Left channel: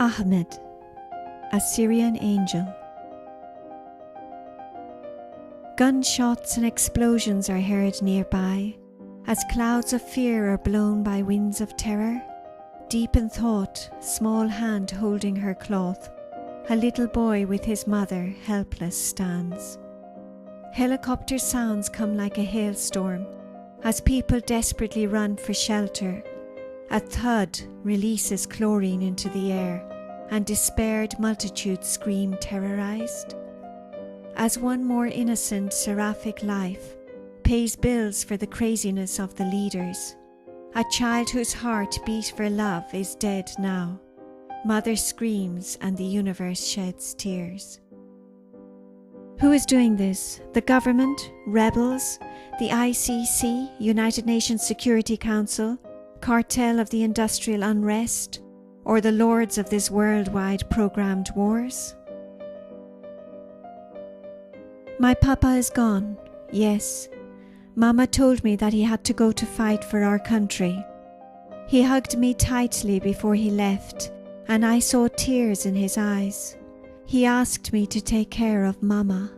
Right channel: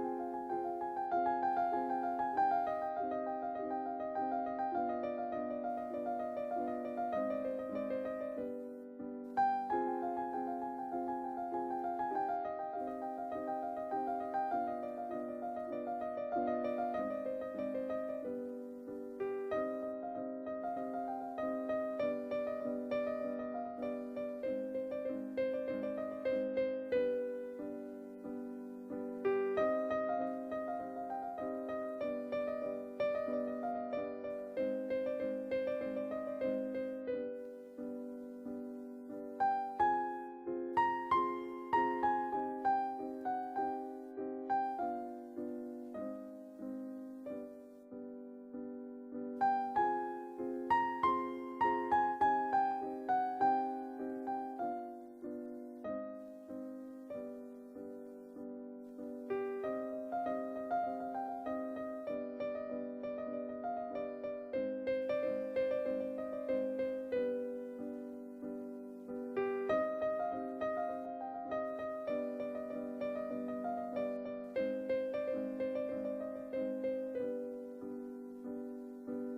Ahmed, a Syrian angel. Gunshots and explosions are heard nearby, as clouds of fear are blown by winds of terror. Deep in thought, small hand holding her cloth, a little boy with his mother helpless stands. Helicopter sounds come like a hailstorm, as people desperately run for shelter. A thud releases chlorine into the air, and despaired multitudes scream terrorized. As one more innocent seraphic life pays bills for the craziness of the leaders, a child whose heart beat for love is dead now. Mother screams and the universe sheds tears. Who is doing this? The government, rebels, the ICC, United Nations Security Council, cartel of the industrial unrest, or the lords of this worldwide programmed wars? My papa is gone, yes. Mama told me that he had to go to fight for our country. He hugged me tightly before he left, and I saw tears in his eyes. He asked me to take care of Mama.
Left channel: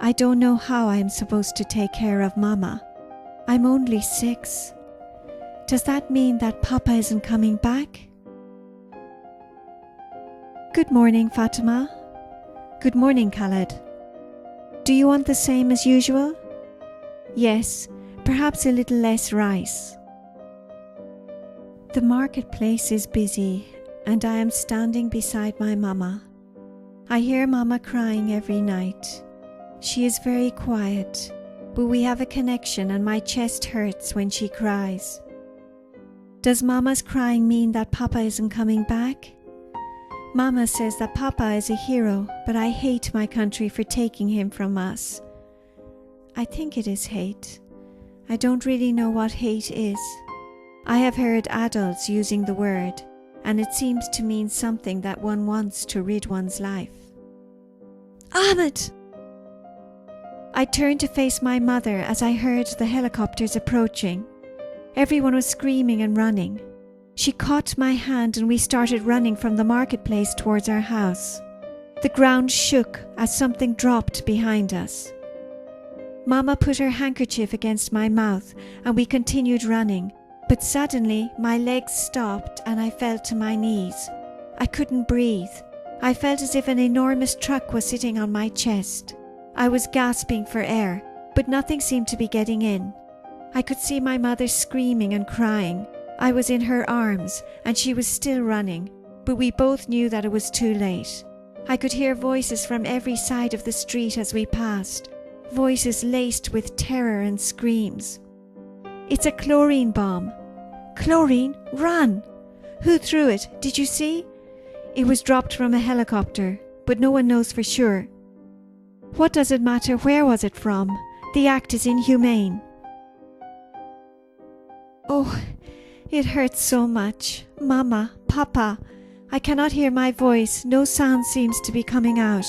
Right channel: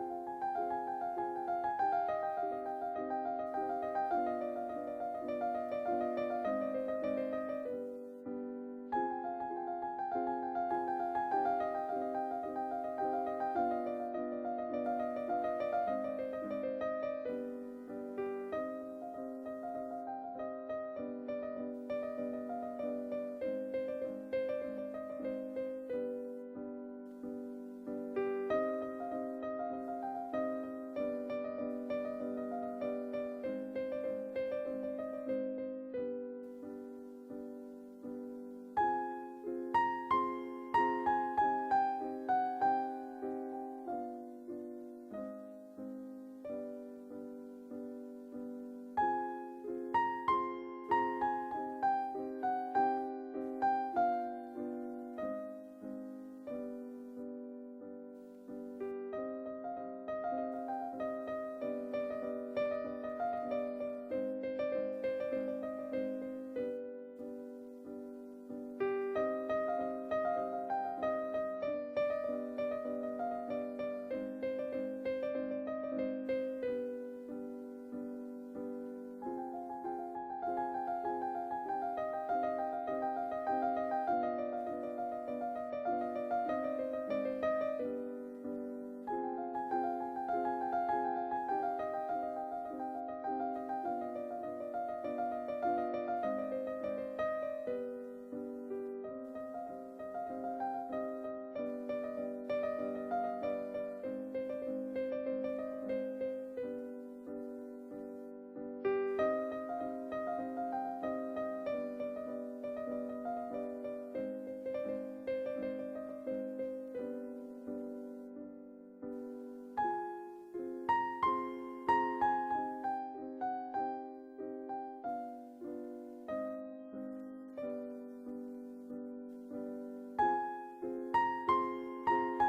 I don't know how I am supposed to take care of Mama. I'm only 6. Does that mean that Papa isn't coming back? Good morning, Fatima. Good morning, Khaled. Do you want the same as usual? Yes, perhaps a little less rice. The marketplace is busy, and I am standing beside my Mama. I hear Mama crying every night. She is very quiet, but we have a connection and my chest hurts when she cries. Does Mama's crying mean that Papa isn't coming back? Mama says that Papa is a hero, but I hate my country for taking him from us. I think it is hate. I don't really know what hate is. I have heard adults using the word, and it seems to mean something that one wants to rid one's life. Ahmed! I turned to face my mother as I heard the helicopters approaching. Everyone was screaming and running. She caught my hand and we started running from the marketplace towards our house. The ground shook as something dropped behind us. Mama put her handkerchief against my mouth and we continued running, but suddenly my legs stopped and I fell to my knees. I couldn't breathe. I felt as if an enormous truck was sitting on my chest. I was gasping for air, but nothing seemed to be getting in. I could see my mother screaming and crying. I was in her arms and she was still running, but we both knew that it was too late. I could hear voices from every side of the street as we passed, voices laced with terror and screams. It's a chlorine bomb. Chlorine? Run! Who threw it? Did you see? It was dropped from a helicopter, but no one knows for sure. What does it matter? Where was it from? The act is inhumane. Oh, it hurts so much. Mama, Papa, I cannot hear my voice. No sound seems to be coming out.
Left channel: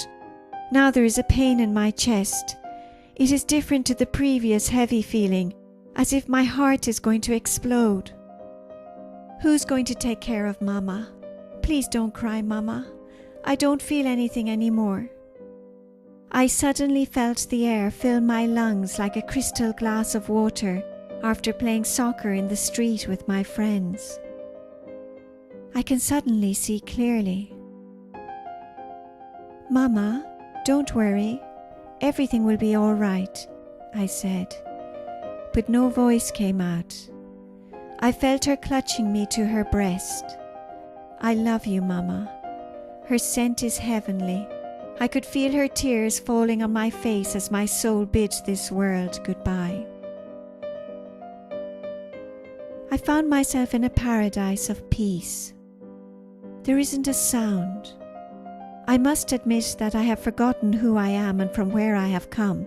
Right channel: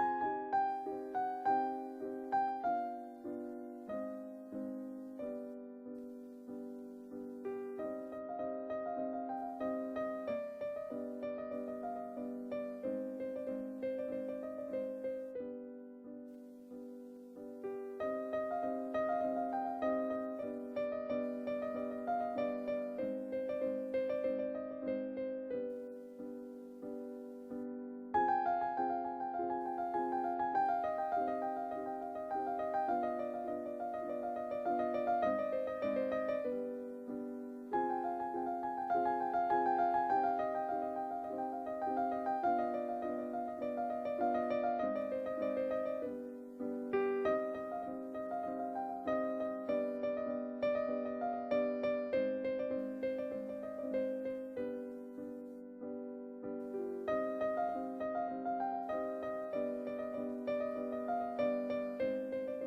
Now there is a pain in my chest. It is different to the previous heavy feeling, as if my heart is going to explode. Who's going to take care of Mama? Please don't cry, Mama. I don't feel anything anymore. I suddenly felt the air fill my lungs like a crystal glass of water after playing soccer in the street with my friends. I can suddenly see clearly. Mama, don't worry. Everything will be all right, I said. But no voice came out. I felt her clutching me to her breast. I love you, Mama. Her scent is heavenly. I could feel her tears falling on my face as my soul bid this world goodbye. I found myself in a paradise of peace. There isn't a sound. I must admit that I have forgotten who I am and from where I have come.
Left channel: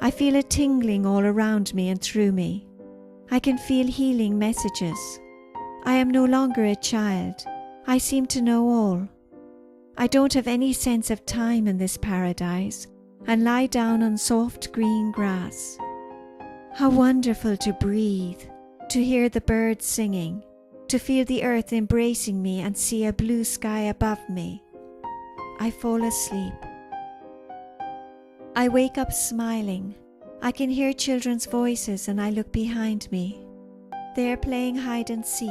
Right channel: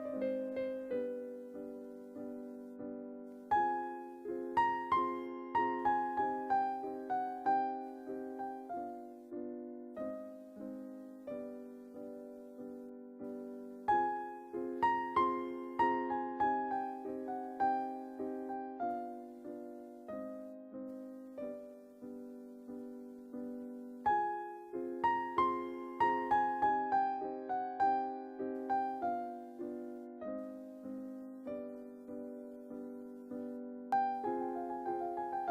I feel a tingling all around me and through me. I can feel healing messages. I am no longer a child. I seem to know all. I don't have any sense of time in this paradise and lie down on soft green grass. How wonderful to breathe, to hear the birds singing, to feel the earth embracing me and see a blue sky above me. I fall asleep. I wake up smiling. I can hear children's voices and I look behind me. They are playing hide and seek.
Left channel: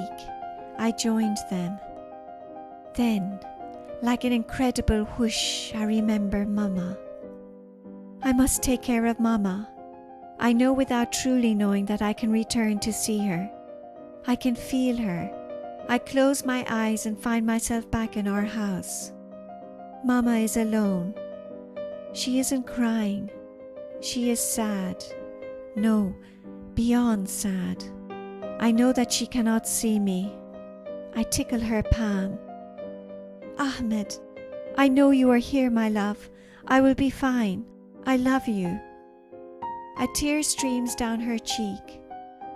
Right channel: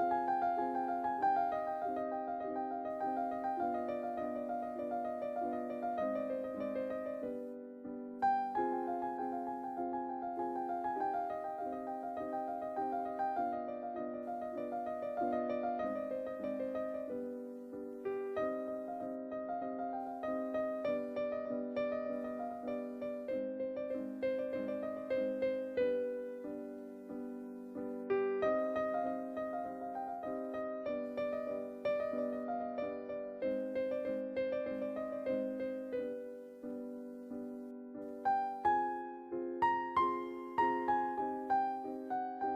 I joined them. Then, like an incredible whoosh, I remember Mama. I must take care of Mama. I know without truly knowing that I can return to see her. I can feel her. I close my eyes and find myself back in our house. Mama is alone. She isn't crying. She is sad. No, beyond sad. I know that she cannot see me. I tickle her palm. Ahmed, I know you are here, my love. I will be fine. I love you. A tear streams down her cheek.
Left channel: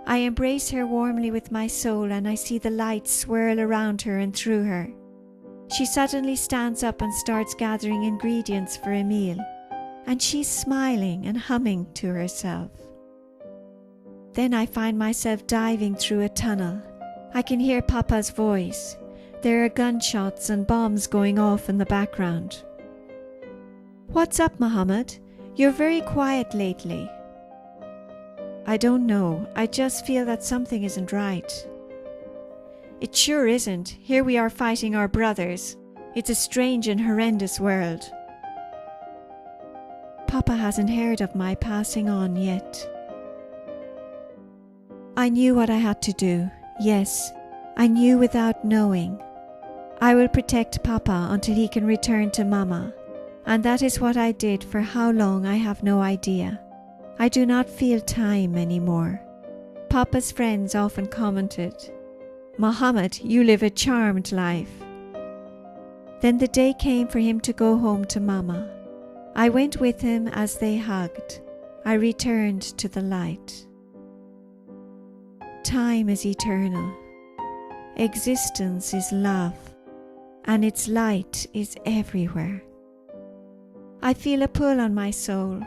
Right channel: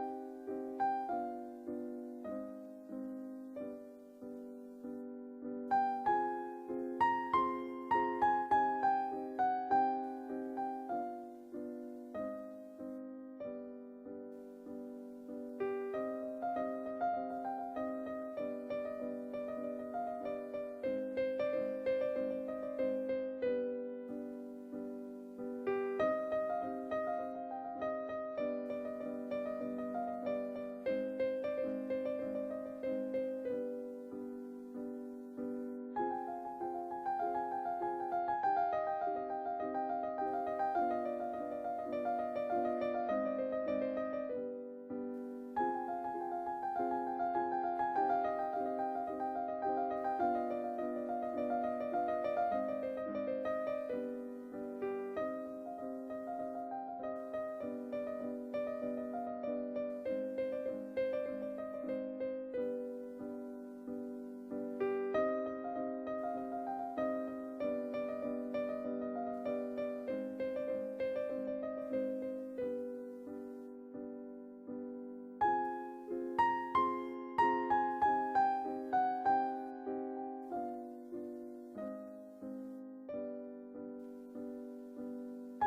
I embrace her warmly with my soul and I see the light swirl around her and through her. She suddenly stands up and starts gathering ingredients for a meal, and she's smiling and humming to herself. Then I find myself diving through a tunnel. I can hear Papa's voice. There are gunshots and bombs going off in the background. What's up, Mohammed? You're very quiet lately. I don't know. I just feel that something isn't right. It sure isn't. Here we are fighting our brothers. It's a strange and horrendous world. Papa hasn't heard of my passing on yet. I knew what I had to do. Yes, I knew without knowing. I will protect Papa until he can return to Mama. And that is what I did for how long I have no idea. I do not feel time anymore. Papa's friends often commented, "Mohammed, you live a charmed life." Then the day came for him to go home to Mama. I went with him as they hugged. I returned to the light. Time is eternal. Existence is love, and its light is everywhere. I feel a pull on my soul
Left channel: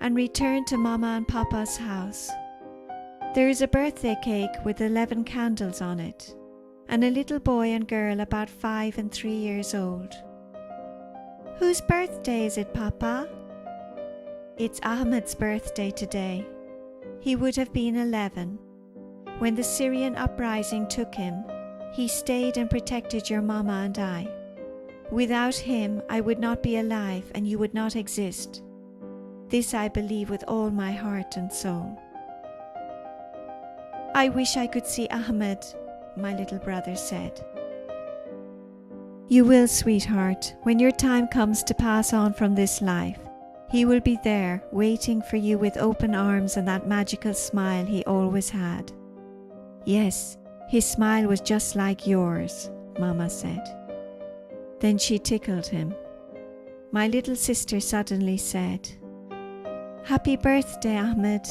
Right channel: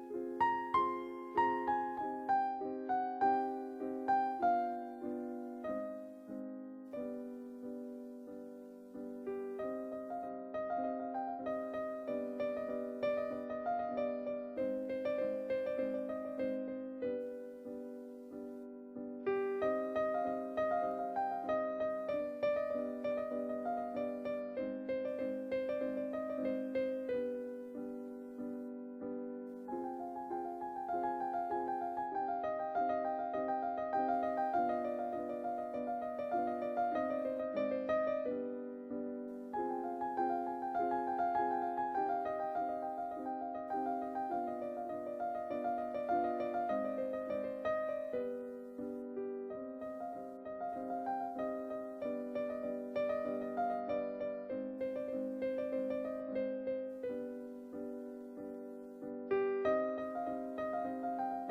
and return to Mama and Papa's house. There is a birthday cake with 11 candles on it, and a little boy and girl about 5 and 3 years old. Whose birthday is it, Papa? It's Ahmed's birthday today. He would have been 11. When the Syrian uprising took him, he stayed and protected your Mama and I. Without him, I would not be alive and you would not exist. This I believe with all my heart and soul. I wish I could see Ahmed, my little brother said. You will, sweetheart, when your time comes to pass on from this life. He will be there, waiting for you with open arms and that magical smile he always had. Yes, his smile was just like yours, Mama said. Then she tickled him. My little sister suddenly said, "Happy birthday, Ahmed."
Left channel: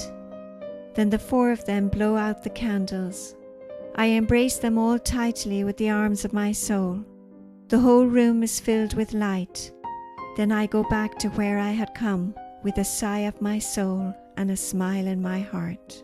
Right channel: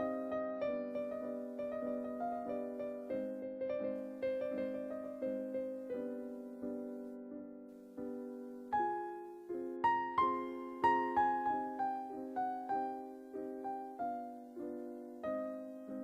Then the 4 of them blow out the candles. I embrace them all tightly with the arms of my soul. The whole room is filled with light. Then I go back to where I had come with a sigh of my soul and a smile in my heart.